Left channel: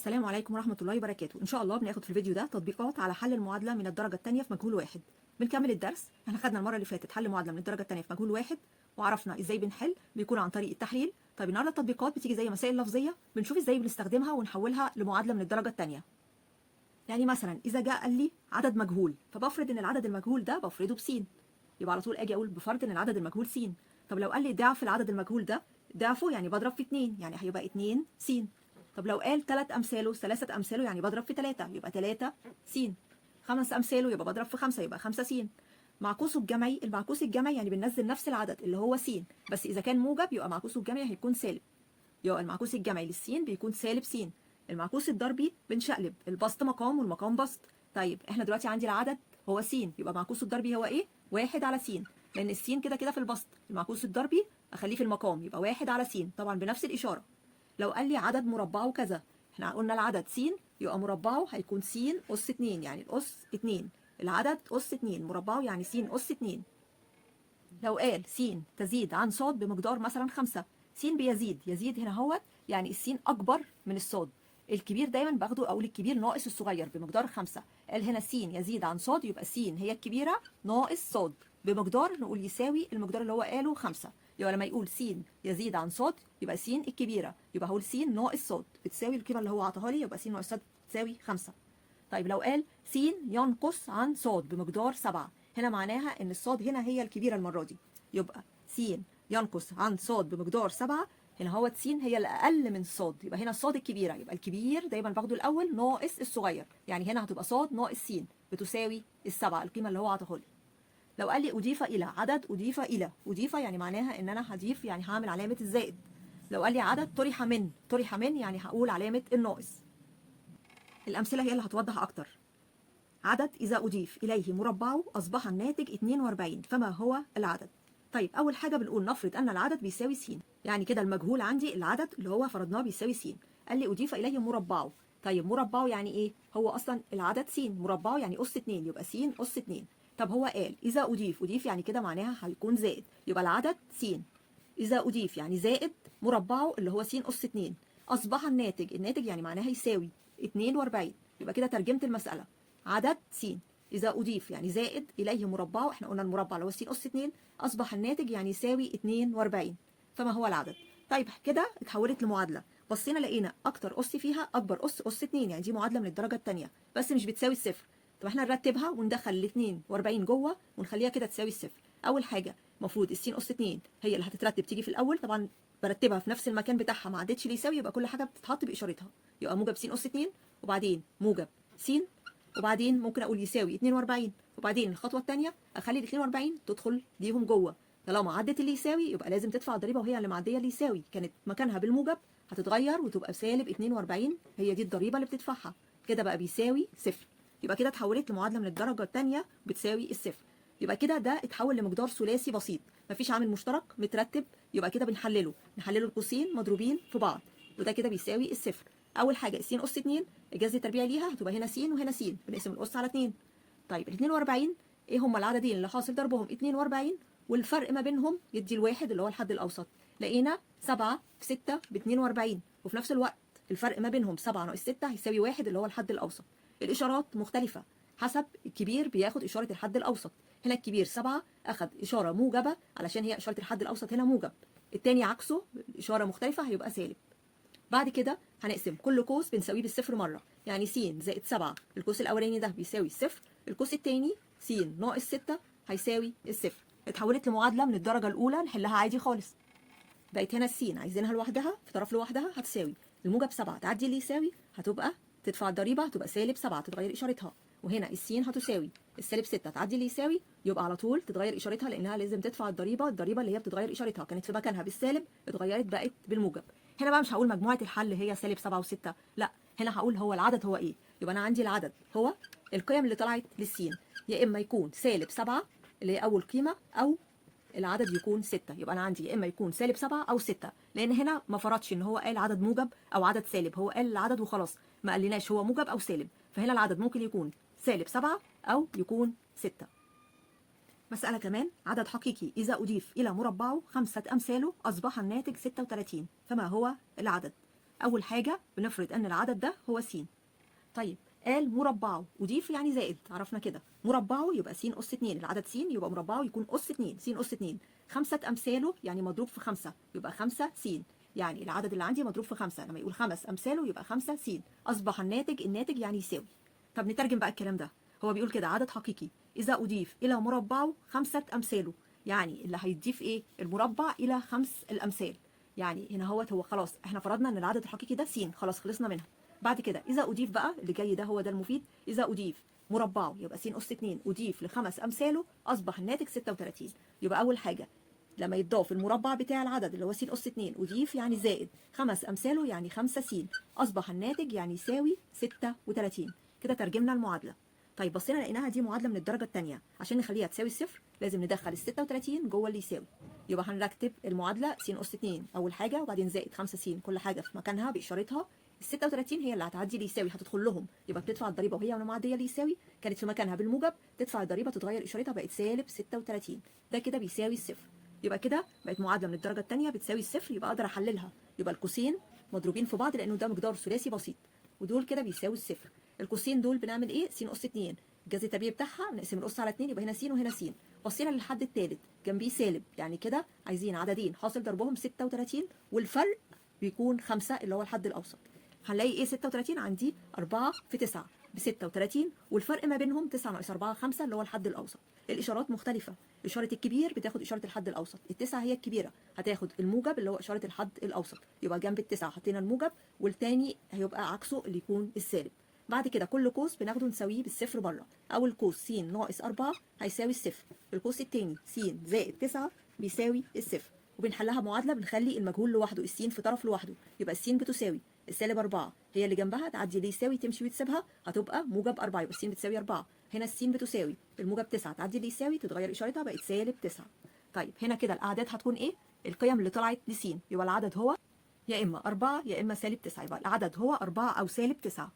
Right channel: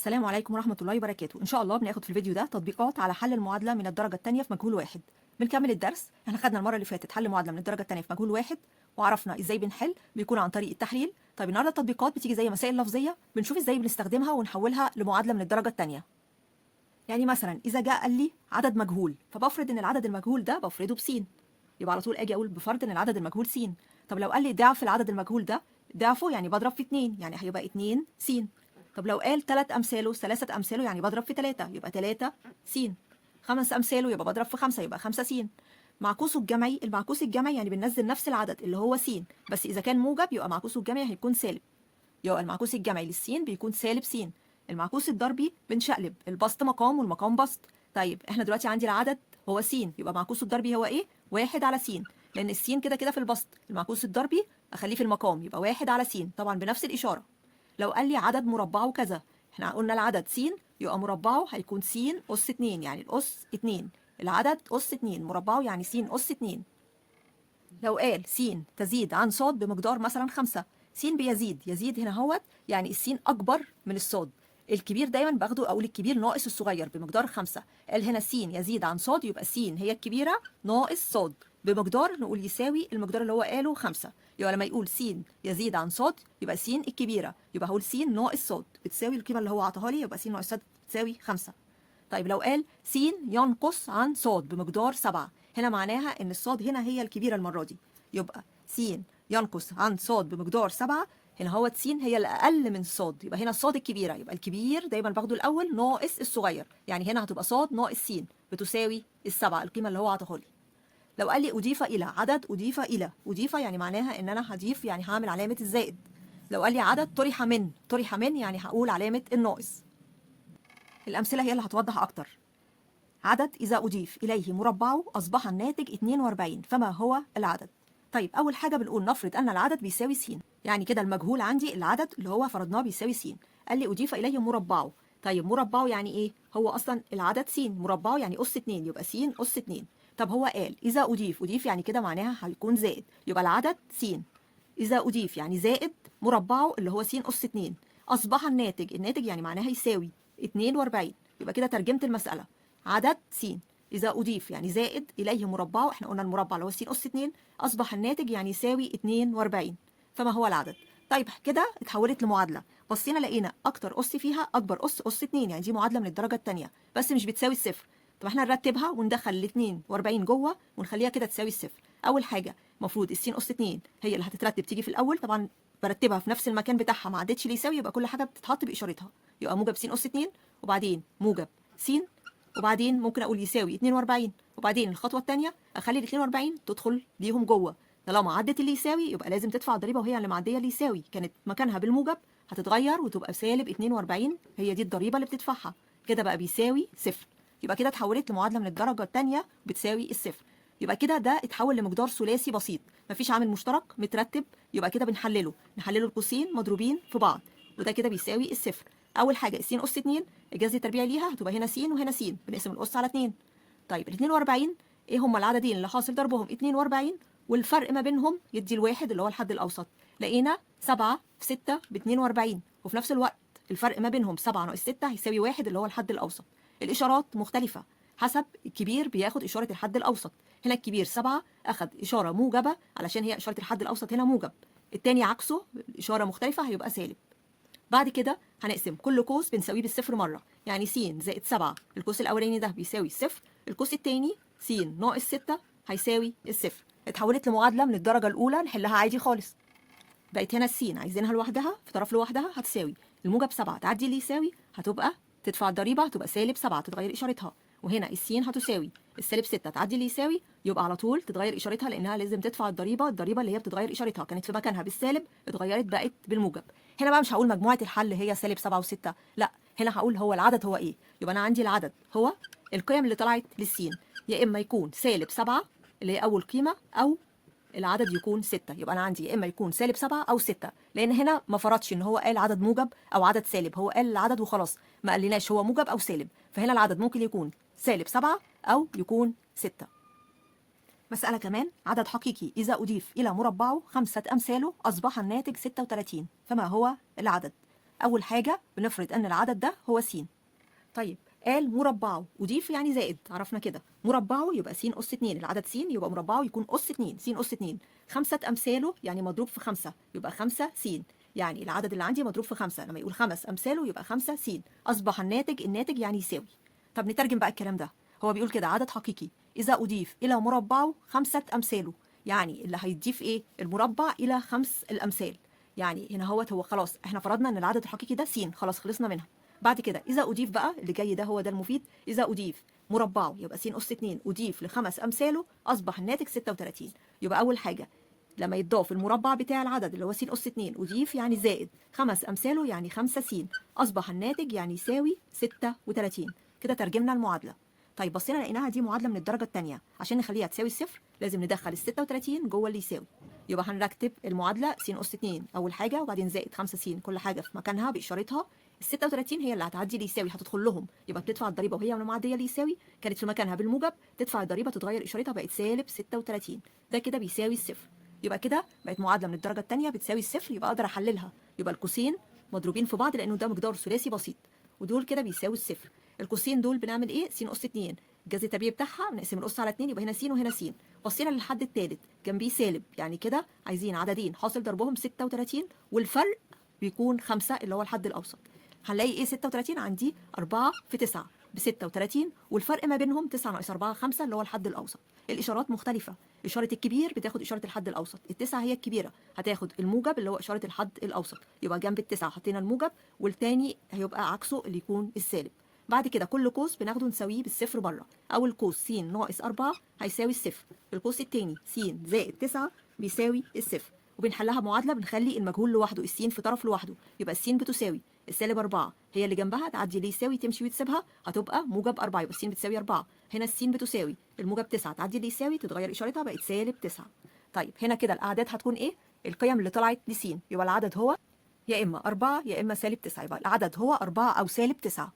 السلام عليكم ورحمة الله وبركاته. إن شاء الله بناخد في الفيديو ده تطبيقات على حل المعادلة من الدرجة الثانية في مجهول واحد. بنكمل الدرس. احنا خدنا المرة اللي فاتت حل معادلة من الدرجة الثانية في مجهول واحد وعرفنا ازاي بنحل، بيكون عن طريق التحليل. طيب النهارده التطبيقات بتيجي زي مسائل لفظية، بنشوف ازاي بنستخدمها ونحولها لمعادلة من الدرجة الثانية. يعني مثلا إذا جاء قال لي عدد مجهول، فبفرض إن العدد المجهول ده بفرضه بس، يبقى على طول أجي أقول بفرض إن العدد المجهول س. طب لو قال لي ضعف العدد المجهول ده، ضعفه يعني بضرب في 2، يعني هيبقى 2 س. طب لو قال 3 أمثاله، 3 أمثاله يعني بضرب في 3، يبقى 3 س. 5 أمثاله يبقى بضرب في 5، يبقى 5 س. معكوسه الجمعي، المعكوس الجمعي يعني بننزل نفس العدد اللي هو س، بس إذا كان موجب يبقى معكوسه الجمعي هيكون سالب، يبقى المعكوس الجمعي للسين بيكون سالب س. المعكوس الضربي بنشقلب، البسط مقام والمقام بسط. طيب احنا دلوقتي عندي العدد هو س، يبقى معكوسه الضربي هو ايه؟ 1 على س، لأن السين كده كده في البسط، المعكوس الضربي أخليه في المقام يبقى 1 على س، طبعا بنفس الإشارة. لو قال لي عدد مربعه كذا، احنا قلنا العدد س يبقى مربعه هيكون س أس 2، يعني الأس 2، العدد أس 2، مربعه يعني س أس 2. لو قال س تزيد عن ص بمقدار مثلا 5، س بيزيد، يزيد هنا هوت يعني السين أكبر من الصاد، الكبير دايما باخده أقول الكبير ناقص الصغير بمقدار 5. قال هنا س يزيد عن صاد، يبقى س هي الكبيرة ناقص صاد بمقدار، نقول يساوي المقدار اللي هو قاله 5. يبقى لما يقول س يزيد عن صاد يبقى س الكبيرة، يبقى هقول س ناقص صاد بتساوي القيمة اللي هو عطاها لي، يبقى س ناقص صاد تساوي 5. طيب لو قال س ينقص عن صاد بمقدار 7، هنا معناها ان الصاد هنا هي الكبيرة المرة دي، يبقى س ينقص عن صاد بمقدار 7، هنا هو س هي الأقل من صاد، يبقى هنا الصاد الكبيرة، يبقى الكبير دايما باخده الأول ناقص الصغير، يعني هنا هتبقى صاد ناقص س بتساوي السبعة، القيمة اللي هو عطاها لي. لو قال لي أضيف إلى عدد، أضيف إلى، أضيف يعني معناها إن أنا هضيف، يعني هعمل علامة الزائد. لو قال لي عدد طرح من، طرح من يعني هقول علامة الناقص. الأمثلة هي اللي هتوضح أكتر. عدد إذا أضيف إليه مربعه أصبح الناتج 42، فما هو العدد؟ طيب أول حاجة بنقول نفرض أن العدد بيساوي س، يعني كده المجهول عندي العدد اللي هو فرضناه بيساوي س. قال لي أضيف إليه مربعه، طيب مربعه يعني إيه؟ هو أصلا العدد س، مربعه يعني أس 2، يبقى س أس 2. طب هو قال إذا أضيف، أضيف يعني كده معناها هيكون زائد، يبقى العدد س. إذا أضيف يعني زائد مربعه اللي هو س أس 2، أصبح الناتج، الناتج يعني معناها يساوي 42، يبقى كده ترجمت المسألة. عدد س إذا أضيف يعني زائد إليه مربعه، احنا قلنا المربع اللي هو س أس 2، أصبح الناتج يعني يساوي 42، فما هو العدد؟ طيب كده اتحولت لمعادلة، بصينا لقينا أكتر أس فيها أكبر أس أس 2، يعني دي معادلة من الدرجة الثانية بس مش بتساوي الصفر. طب احنا نرتبها وندخل ال 42 جوه ونخليها كده تساوي الصفر. أول حاجة المفروض الس أس 2 هي اللي هتترتب تيجي في الأول، طبعا برتبها في نفس المكان بتاعها، ما عدتش اللي يساوي، يبقى كل حاجة بتتحط بإشارتها، يبقى موجب س أس 2 وبعدين موجب س، وبعدين ممكن اقول يساوي 42، وبعدين الخطوه الثانيه اخلي ال 42 تدخل ليهم جوه، طالما عدت اللي يساوي يبقى لازم تدفع الضريبه، وهي اللي معديه اللي يساوي كانت مكانها بالموجب هتتغير وتبقى سالب 42، هي دي الضريبه اللي بتدفعها، كده بقى بيساوي صفر. يبقى كده اتحولت لمعادله من الدرجه الثانيه بتساوي الصفر. يبقى كده ده اتحول لمقدار ثلاثي بسيط، مفيش عامل مشترك مترتب، يبقى كده بنحلله، نحلله القوسين مضروبين في بعض، وده كده بيساوي الصفر. اول حاجه س اس 2 الجذر التربيعي ليها هتبقى هنا س وهنا س، بنقسم الاس على 2. طيب ال 42 ايه هم العددين اللي حاصل ضربهم 42 والفرق ما بينهم يدي الواحد اللي هو الحد الاوسط؟ لقينا 7 في 6 ب 42، وفي نفس الوقت الفرق ما بينهم 7 ناقص 6 هيساوي 1 اللي هو الحد الاوسط. الاشارات مختلفه حسب الكبير بياخد اشاره الحد الاوسط، هنا الكبير 7 اخذ اشاره موجبه علشان هي اشاره الحد الاوسط هنا موجب، التاني عكسه اشاره مختلفه هيبقى سالب. بعد كده هنقسم كل قوس بنساويه بالصفر مره، يعني س زائد 7 القوس الاولاني ده بيساوي الصفر، القوس الثاني س ناقص 6 هيساوي الصفر. اتحولت لمعادله من الدرجه الاولى نحلها عادي خالص. بقت هنا السين عايزينها لوحدها في طرف لوحدها هتساوي الموجب 7 تعدي اللي يساوي هتبقى تدفع الضريبه هتبقى سالب 7 تتغير اشارتها، وهنا السين هتساوي السالب 6 تعدي اللي يساوي يبقى على طول تتغير اشارتها، لانها لازم تدفع الضريبه، الضريبه اللي هي بتتغير اشارتها كانت في مكانها بالسالب اتغيرت بقت بالموجب. هنا بقى مش هقول مجموعه الحل هي سالب 7 و6، لا هنا هقول هو العدد هو ايه، يبقى انا عندي العدد هو القيم اللي طلعت للسين، يا اما يكون سالب 7 اللي هي اول قيمه، او العدد يكون 6، يبقى انا عندي يا اما يكون سالب 7 او 6، لان هنا ما فرضش ان هو قال عدد موجب او عدد سالب، هو قال العدد وخلاص ما قالناش هو موجب او سالب، فهنا العدد ممكن يكون سالب 7 او يكون 6. مسألة كمان، عدد حقيقي إذا أضيف إلى مربعه 5 أمثاله أصبح الناتج 36، فما هو العدد؟ اول حاجه بنفرض ان العدد ده هو س. طيب قال مربعه، أضيف يعني زائد، عرفنا كده مربعه يبقى س أس 2، العدد س يبقى مربعه يكون أس 2، س أس 2. 5 أمثاله يعني مضروب في 5 يبقى 5 س، يعني العدد اللي عندي مضروب في 5، لما يقول 5 أمثاله يبقى 5 س. أصبح الناتج يعني يساوي. طب نترجم بقى الكلام ده. هو بيقول كده عدد حقيقي إذا أضيف إلى مربعه 5 أمثاله، يعني اللي هيضيف إيه؟ المربع إلى 5 الأمثال. يعني هنا هو خلاص احنا فرضنا ان العدد الحقيقي ده س، خلاص خلصنا منها. بعد كده اذا اضيف بقى اللي جاي ده هو ده المفيد، اذا اضيف مربعه يبقى س اس 2 اضيف لخمس امثاله اصبح الناتج 36. يبقى اول حاجه لما يتضاف المربع بتاع العدد اللي هو س اس 2 اضيف يعني زائد خمس امثاله يعني 5 س، اصبح الناتج يعني يساوي 36. كده ترجمنا المعادله. طيب بصينا لقيناها دي معادله من الدرجه الثانيه، عشان نخليها تساوي الصفر لازم ندخل ال 36 جوه اللي يساوي. يبقى هنرتب المعادله س اس 2 اول حاجه وبعدين زائد 5 س، كل حاجه في مكانها باشارتها. ال 36 هي اللي هتعدي اللي يساوي، هتدخل لهم، يبقى بتدفع الضريبه وهي معديه اللي يساوي، كانت في مكانها بالموجب، تدفع الضريبه تتغير اشارتها بقت سالب 36. ده كده بيساوي الصفر. يبقى كده بقت معادله من الدرجه الثانيه بتساوي الصفر، يبقى اقدر احللها. يبقى القوسين مضروبين في بعض لانه ده مقدار ثلاثي بسيط، ودول كده بيساوي الصفر. القوسين دول بنعمل ايه؟ س اس 2 الجذر التربيعي بتاعها بنقسم القص على 2 يبقى هنا س وهنا س. بصينا للحد الثالث جنبيه سالب، يعني كده عايزين عددين حاصل ضربهم 36 والفرق بيكون 5 اللي هو الحد الاوسط. هنلاقي ايه؟ 36 عندي 4 في 9 ب 36، والفرق ما بينهم 9 ناقص 4 5 اللي هو الحد الاوسط. الاشارات مختلفه، اشاره الكبير بتاخد اشاره الحد الاوسط، التسعه هي الكبيره هتاخد الموجب اللي هو اشاره الحد الاوسط، يبقى جنب التسعه حطينا الموجب والتاني هيبقى عكسه اللي يكون السالب. بعد كده كل قوس بناخده نساويه بالصفر بره. اول قوس س ناقص 4 هيساوي الصفر، القوس الثاني س زائد 9 بيساوي الصفر. وبنحلها معادله بنخلي المجهول لوحده، السين في طرف لوحده، يبقى السين بتساوي السالب 4 هي اللي جنبها تعدي ليه يساوي تمشي وتسيبها هتبقى موجب 4، يبقى السين بتساوي 4. هنا السين بتساوي الموجب 9 تعدي ليه يساوي تتغير اشارتها بقت سالب 9. طيب هنا كده الاعداد هتكون ايه؟ القيم اللي طلعت لسين، يبقى العدد هو يا اما 4 يا اما سالب 9، يبقى العدد هو 4 او سالب 9.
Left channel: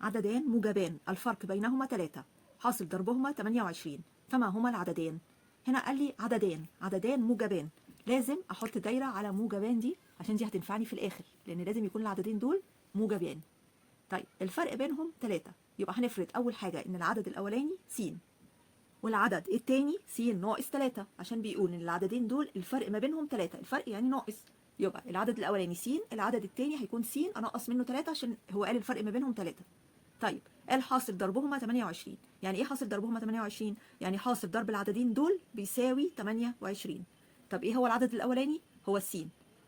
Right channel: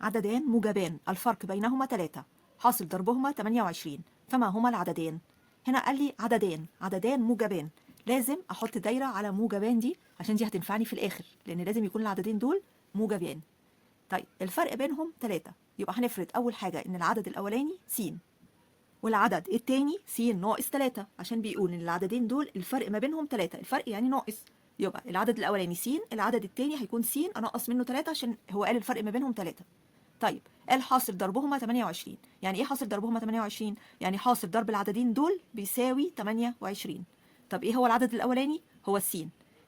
عددان موجبان الفرق بينهما 3 حاصل ضربهما 28، فما هما العددان؟ هنا قال لي عددان موجبان، لازم احط دايره على موجبان دي عشان دي هتنفعني في الاخر، لان لازم يكون العددين دول موجبان. طيب الفرق بينهم 3، يبقى هنفرض اول حاجه ان العدد الاولاني س والعدد الثاني س ناقص 3، عشان بيقول ان العددين دول الفرق ما بينهم 3، الفرق يعني ناقص، يبقى العدد الاولاني س، العدد الثاني هيكون س انقص منه 3 عشان هو قال الفرق ما بينهم 3. طيب قال حاصل ضربهما 28، يعني ايه حاصل ضربهما 28؟ يعني حاصل ضرب العددين دول بيساوي 28. طب ايه هو العدد الاولاني؟ هو س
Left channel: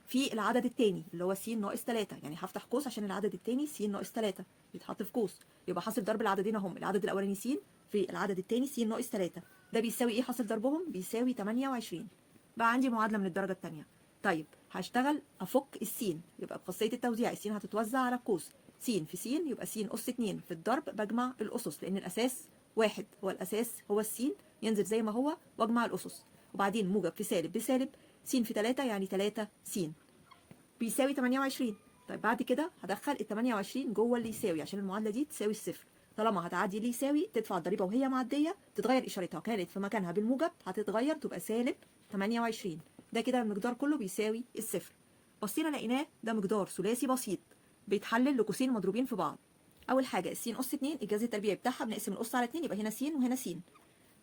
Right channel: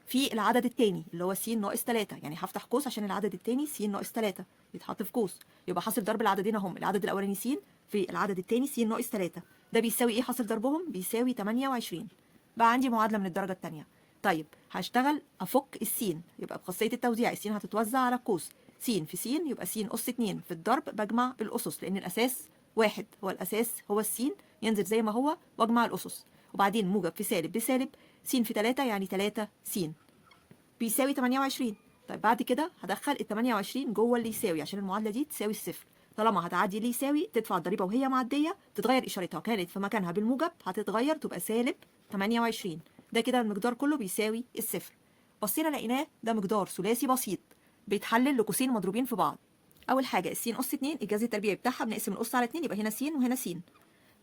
في العدد الثاني اللي هو س ناقص 3، يعني هفتح قوس عشان العدد الثاني س ناقص 3 بيتحط في قوس، يبقى حاصل ضرب العددين اهم، العدد الاولاني س في العدد الثاني س ناقص 3، ده بيساوي ايه حاصل ضربهم؟ بيساوي 28. بقى عندي معادله من الدرجه الثانيه. طيب هشتغل افك السين، يبقى بخاصيه التوزيع السين هتتوزع على القوس، س في س يبقى س أس 2 في الضرب بجمع الأسس لأن الأساس واحد، هو الأساس هو السين، ينزل زي ما هو واجمع الأسس، وبعدين موجب في سالب بسالب، س في 3 يعني 3 س بيساوي 28. طيب بعد كده هدخل ال 28 جوه اللي يساوي عشان المعادلة دي تساوي الصفر، طالما هتعدي اللي يساوي تدفع الضريبة وهي معدية تتغير إشارتها، كانت في مكانها بالموجب هتتغير تبقى سالب 28. ده كده المقدار كله بيساوي الصفر. بصينا لقيناه ده مقدار ثلاثي بسيط بيتحلل لقوسين مضروبين في بعض. اول حاجه الس اس 2 الجذر التربيعي بتاعها بنقسم القص على 2 يبقى هنا س وهنا س.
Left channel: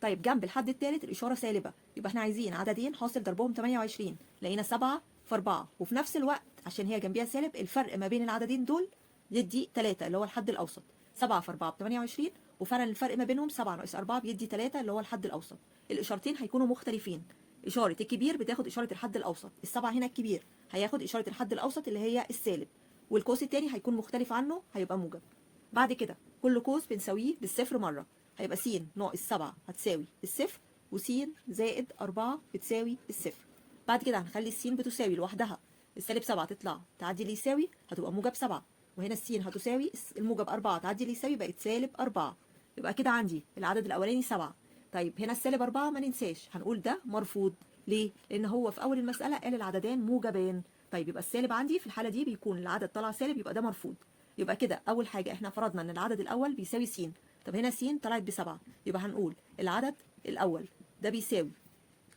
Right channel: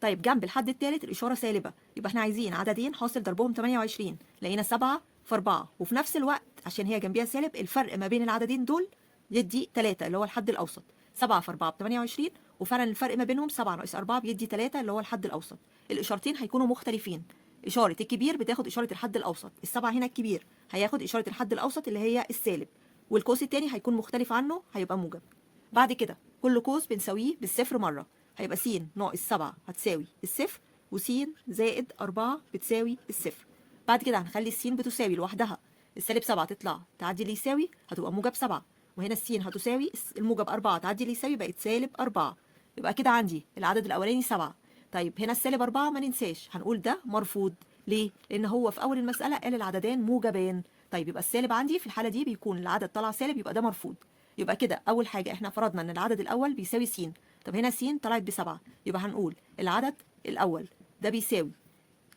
طيب جنب الحد الثالث الاشاره سالبه، يبقى احنا عايزين عددين حاصل ضربهم 28، لقينا 7 في 4، وفي نفس الوقت عشان هي جنبيها سالب الفرق ما بين العددين دول يدي 3 اللي هو الحد الاوسط، 7 في 4 ب 28، وفعلا الفرق ما بينهم 7 ناقص 4 بيدي 3 اللي هو الحد الاوسط. الاشارتين هيكونوا مختلفين، اشاره الكبير بتاخد اشاره الحد الاوسط، السبعه هنا الكبير هياخد اشاره الحد الاوسط اللي هي السالب، والقوس التاني هيكون مختلف عنه هيبقى موجب. بعد كده كل قوس بنساويه بالصفر مره، هيبقى س ناقص 7 هتساوي الصفر، وس زائد 4 بتساوي الصفر. بعد كده هنخلي السين بتساوي لوحدها، السالب 7 تطلع تعدي اللي يساوي هتبقى موجب 7، وهنا السين هتساوي الموجب 4 تعدي اللي يساوي بقت سالب 4. يبقى كده عندي العدد الاولاني 7. طيب هنا السالب 4 ما ننساش هنقول ده مرفوض، ليه؟ لان هو في اول المساله قال العددان موجبان. طيب يبقى السالب عندي في الحاله دي بيكون العدد طلع سالب، يبقى ده مرفوض. يبقى كده اول حاجه احنا فرضنا ان العدد الاول بيساوي س، طب هنا س طلعت ب7، يبقى هنقول العدد الاول ده بيساوي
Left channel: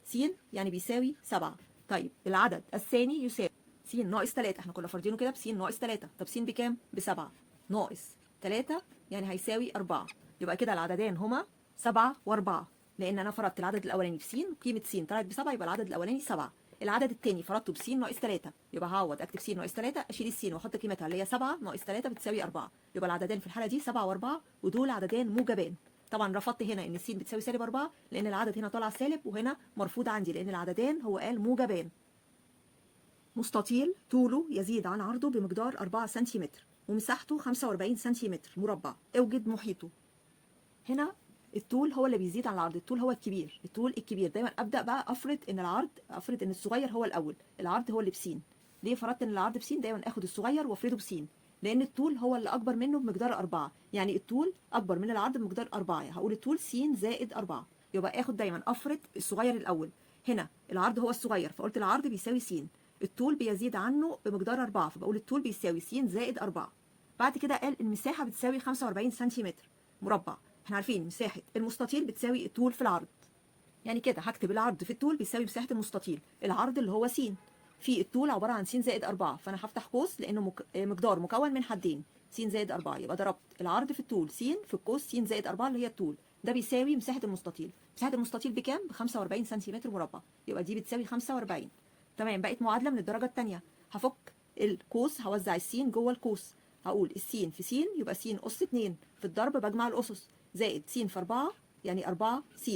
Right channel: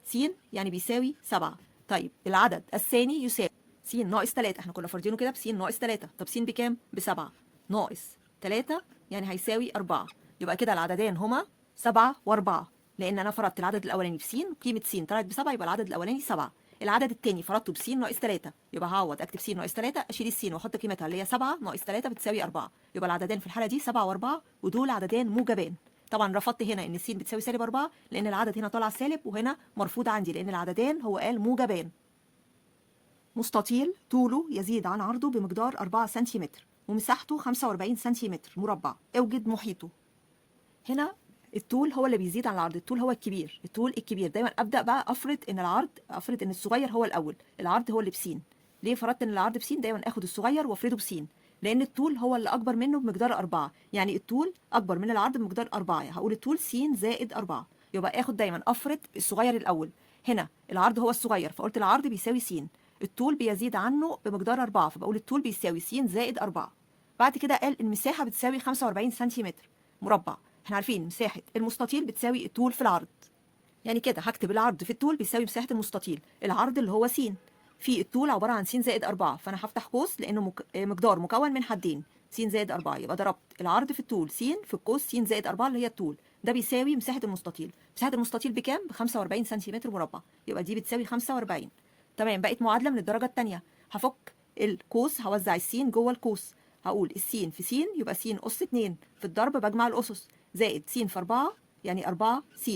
س يعني بيساوي 7. طيب العدد الثاني يساوي س ناقص 3، احنا كنا فارضينه كده بس ناقص 3. طب س بكام؟ ب7 ناقص 3 يعني هيساوي 4. يبقى كده العددين هما 7 و4، لان انا فرضت العدد الاولاني بس، قيمه س طلعت ب7 يبقى العدد الاولاني 7. العدد الثاني فرضته بس ناقص 3، يبقى هعوض اكتب س ناقص 3، اشيل السين واحط قيمتها اللي هي 7 ناقص 3 بتساوي 4. يبقى العددين في الحاله دي 7 و4، ودول عددين موجبان. طبعا رفضت هنا ان س بتساوي -4 لان العدد هنا طالع سالب وهنا مرفوض عندي لان العددين هو قال موجبان. مستطيل طوله يزيد عن عرضه بمقدار 4 سنتيمتر ومساحته 45 سنتيمتر مربع، اوجد محيطه. هنا الطول هو اللي بيزيد عن العرض، الطول هو الكبير، الطول الكبير. دايما ابدا بقى افرض ان الصغير هو الاول، العرض هو اللي بسين. ليه فرضت ان العرض بسين؟ دايما اخد الصغير وافرضه بسين، لان الطول هو اللي اكبر منه بمقدار 4، يعني الطول اكبر من العرض بمقدار 4. هقول الطول س زائد 4. يبقى اخد دايما افرض الصغير الاول. هنا العرض هو الصغير فقلت العرض بيساوي س، الطول بيزيد عنه بمقدار 4 فبقول الطول بيساوي س زائد 4. بعد كده قال المساحه بتساوي 45 سنتيمتر مربع. احنا عارفين مساحه المستطيل بتساوي الطول في العرض، يعني كده هكتب العرض في الطول بيساوي مساحه المستطيل، العرض اللي هو س في الطول عباره عن س زائد 4، فانا هفتح قوس لانه مقدار مكون من حدين، س زائد 4. يبقى ضربت العرض في الطول س في القوس س زائد 4 اللي هي الطول، ده بيساوي مساحه المستطيل. مساحه المستطيل بكام؟ ب 45 سنتيمتر مربع، يبقى دي بتساوي 45. تمام، بقت معادله من الدرجه الثانيه. هفك القوس، هوزع السين جوه القوس، هقول السين في س يبقى س أس 2، في الضرب بجمع الأسس، زائد س في 4 يعني 4 س،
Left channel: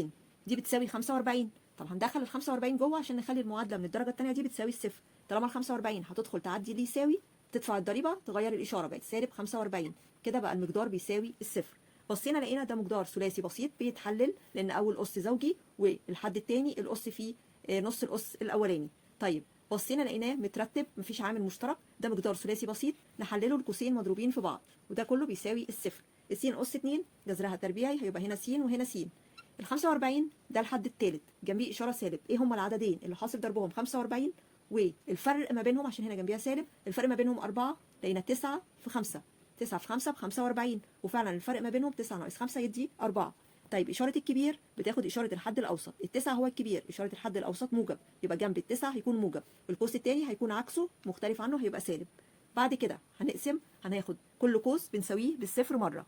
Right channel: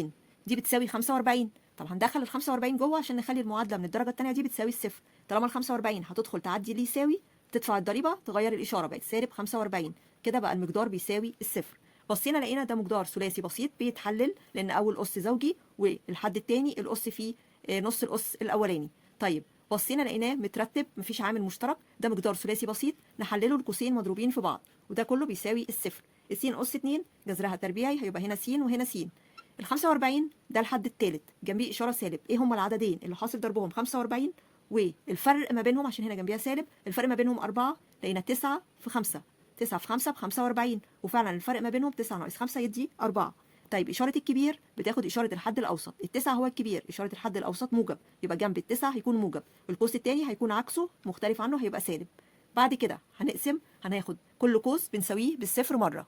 دي بتساوي 45. طب هندخل ال 45 جوه عشان نخلي المعادله من الدرجه الثانيه دي بتساوي الصفر. طالما ال 45 هتدخل تعدي اللي يساوي، تدفع الضريبه تغير الاشاره بقت سالب 45، كده بقى المقدار بيساوي الصفر. بصينا لقينا ده مقدار ثلاثي بسيط بيتحلل لان اول اس زوجي والحد الثاني الاس فيه نص الاس الاولاني. طيب بصينا لقيناه مترتب مفيش عامل مشترك، ده مقدار ثلاثي بسيط نحلله القوسين مضروبين في بعض وده كله بيساوي الصفر. س أس 2 جذرها تربيعي هيبقى هنا س وهنا س. ال 45 ده الحد الثالث جنبيه اشاره سالب، ايه هما العددين اللي حاصل ضربهم 45 والفرق ما بينهم عشان هنا جنبيها سالب، الفرق ما بينهم 4، لقينا 9 في 5، 9 في 5 ب 45، وفعلا الفرق ما بينهم 9 ناقص 5 يدي 4. طيب اشاره الكبير بتاخد اشاره الحد الاوسط، التسعه هو الكبير، اشاره الحد الاوسط موجب يبقى جنب التسعه هيكون موجب، والقوس الثاني هيكون عكسه مختلف عنه هيبقى سالب. بعد كده هنقسم، هناخد كل قوس بنساويه بالصفر مره،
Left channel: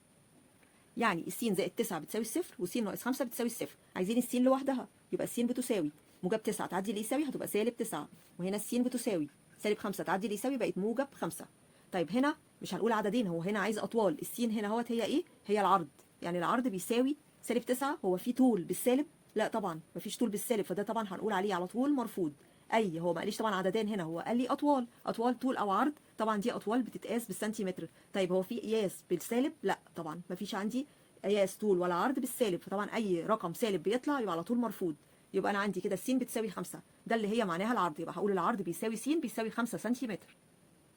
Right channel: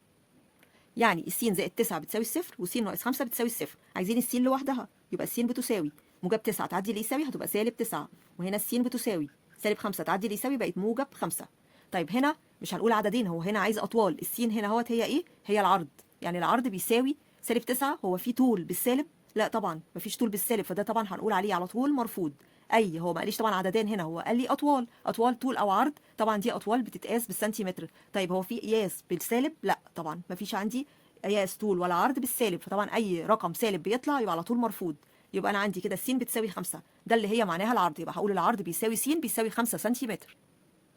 يعني الس زائد 9 بتساوي الصفر وس ناقص 5 بتساوي الصفر. عايزين الس لوحدها، يبقى الس بتساوي موجب 9 تعدي اللي يساوي هتبقى سالب 9، وهنا الس بتساوي سالب 5 تعدي اللي يساوي بقت موجب 5. طيب هنا مش هنقول عددين، هو هنا عايز اطوال، الس هنا اهوت هي ايه؟ هي العرض، يعني العرض بيساوي سالب 9. هو في طول بالسالب؟ لا طبعا مفيش طول بالسالب، فده طبعا هنقول عليه على طول مرفوض. هو ما قاليش طبعا عددين هنا، هو قال لي اطوال، اطوال طول او عرض، طبعا دي اطوال بتتقاس بالسنتيمتر. طيب هو في قياس بالسالب؟ لا طبعا مفيش عندي قياس طول ولا عرض بالسالب، فطبعا اي رقم سالب بيطلع يبقى على طول مرفوض. يبقى انا عندي كده س بتساوي 5، ده اللي هي معناها العرض، يبقى هقول العرض بيساوي س بيساوي 5 سنتيمتر،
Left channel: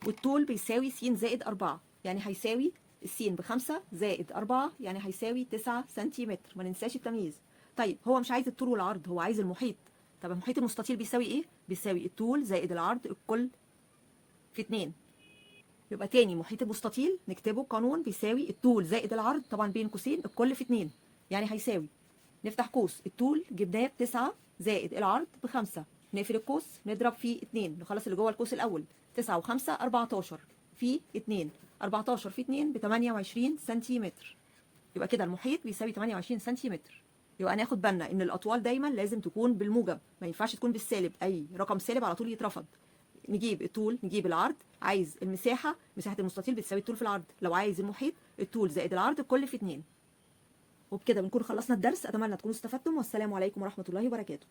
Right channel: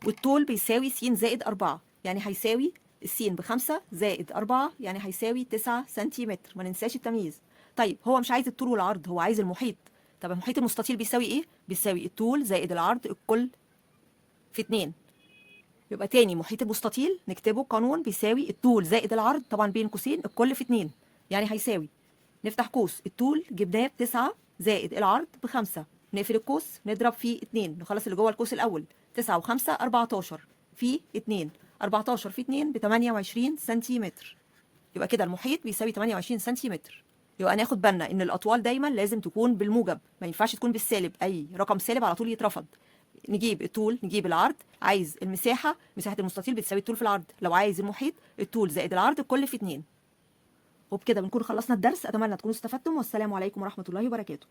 والطول بيساوي س زائد 4، يعني هيساوي السين ب5 زائد 4 يعني هيساوي 9 سنتيمتر، ما ننساش التمييز. طيب هو مش عايز الطول والعرض، هو عايز المحيط. طب المحيط المستطيل بيساوي ايه؟ بيساوي الطول زائد العرض الكل في 2. يبقى تاني محيط المستطيل نكتبه قانون بيساوي الطول زائد العرض طبعا بين قوسين الكل في 2، يعني هيساوي، نفتح قوس، الطول جبناه ب9 زائد العرض ب5، نقفل القوس نضرب في 2 نخلص اللي جوه القوس الاول، 9 و5 14 في 2، 14 في 2 ب 28 سنتيمتر. يبقى كده المحيط بيساوي 28 سنتيمتر. يبقى ناخد بالنا ان الاطوال دايما لازم تكون بالموجب، ما ينفعش تكون بالسالب، اي رقم سالب على طول يترفض. نجيب الطول نجيب العرض، عايز المساحه، مساحه المستطيل بتساوي الطول في العرض، لو عايز المحيط الطول زائد العرض الكل في 2. وبكده بنكون خلصنا الدرس، اتمنى تكونوا استفدتم، والسلام عليكم ورحمه الله وبركاته.